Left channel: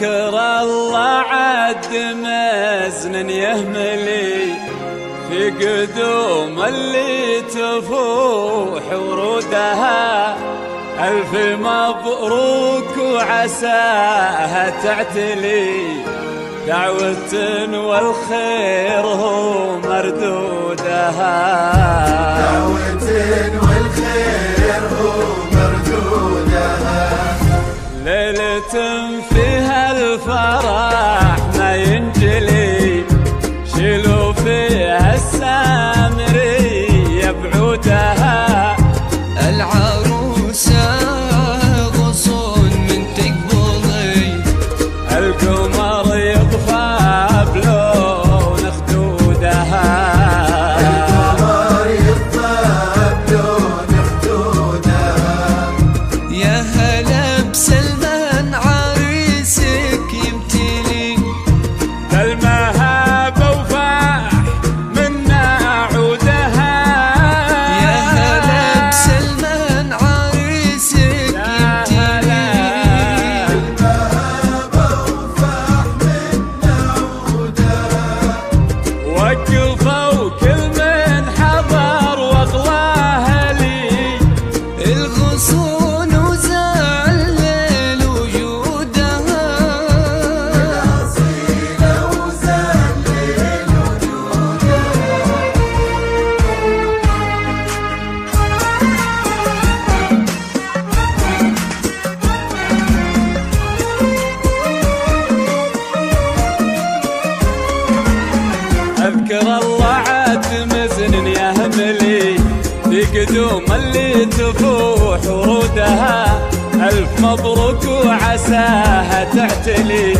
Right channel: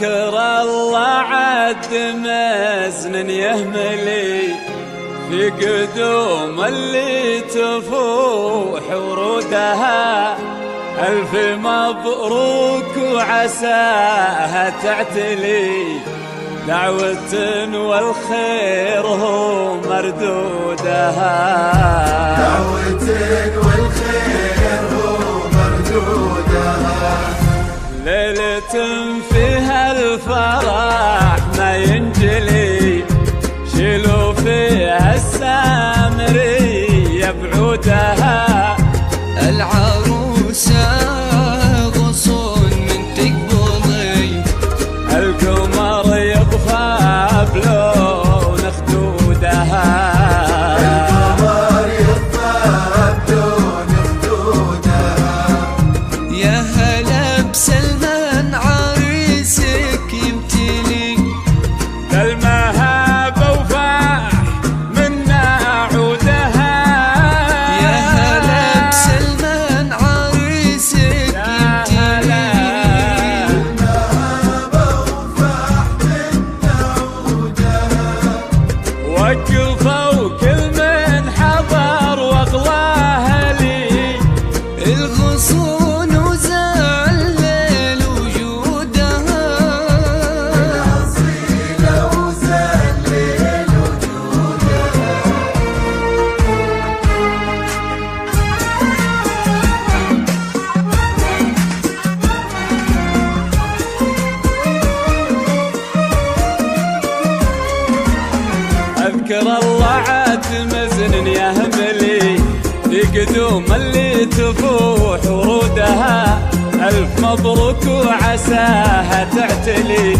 أذكر الله عد مزن يهملي في قدوم اللي تفوح ورودها. ألف مبروك وعساها تعتلي دعوة والخير هو مردودها. دعوة والخير هو مردودها. ليلة فيها الفرح ما ينجلي شيلوا فيها السامرية بعودها. العروسة غصون من تقبضي القمر يطفى بلون خدودها. يا هلا بسلمان عريسك يمتلي بالمهاب وفاح منا عودها. يا هلا بسلمان عريسك يمتلي وقفوا كل من حضر واغلاه لي الغصون وزلل وجودها. أذكر الله عاد مزن يهملي في قدوم اللي تفوح ورودها. ألف مبروك وعساها تعتلي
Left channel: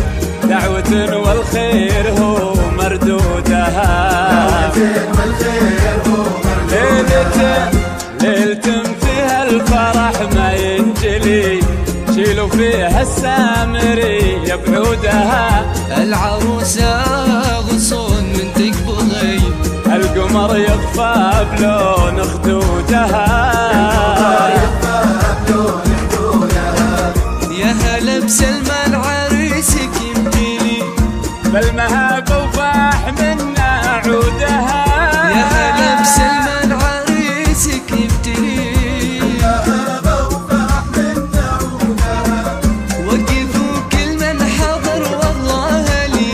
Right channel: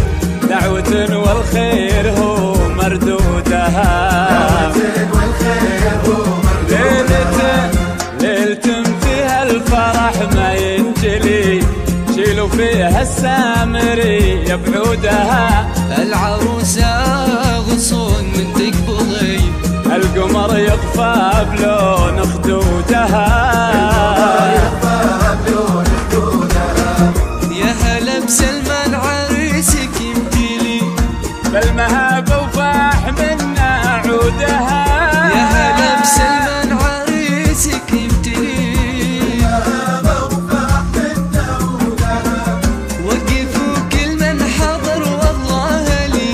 دعوة والخير هو مردودها. ليلة فيها الفرح ما ينجلي شيلوا فيها السامرية بعودها. العروسة غصون من تقبضي القمر يطفى بلون خدودها. يا هلا بسلمان عريسك يمتلي بالمهاب وفاح منا عودها. يا هلا بسلمان عريسك يمتلي وقفوا كل من حضر والله لي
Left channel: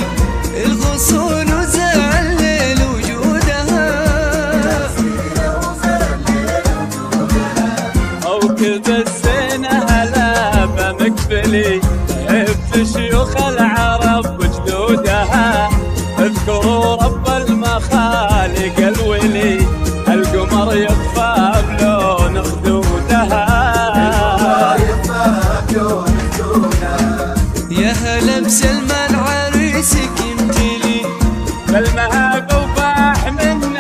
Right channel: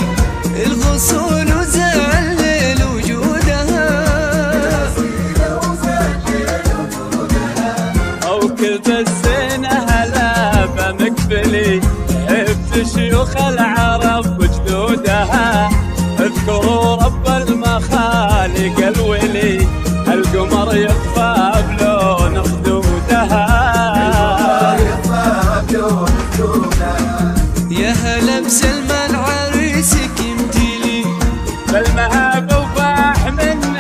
الغصون وزلل وجودها. أو كتب الزينة هلا بمقبلي عبت شيوخ العرب وجدودها. اذكروا رب المخالق الولي القمر يطفى بلون خدودها. يا هلا بسلمان عريسك يمتلي بالمهاب وفاح من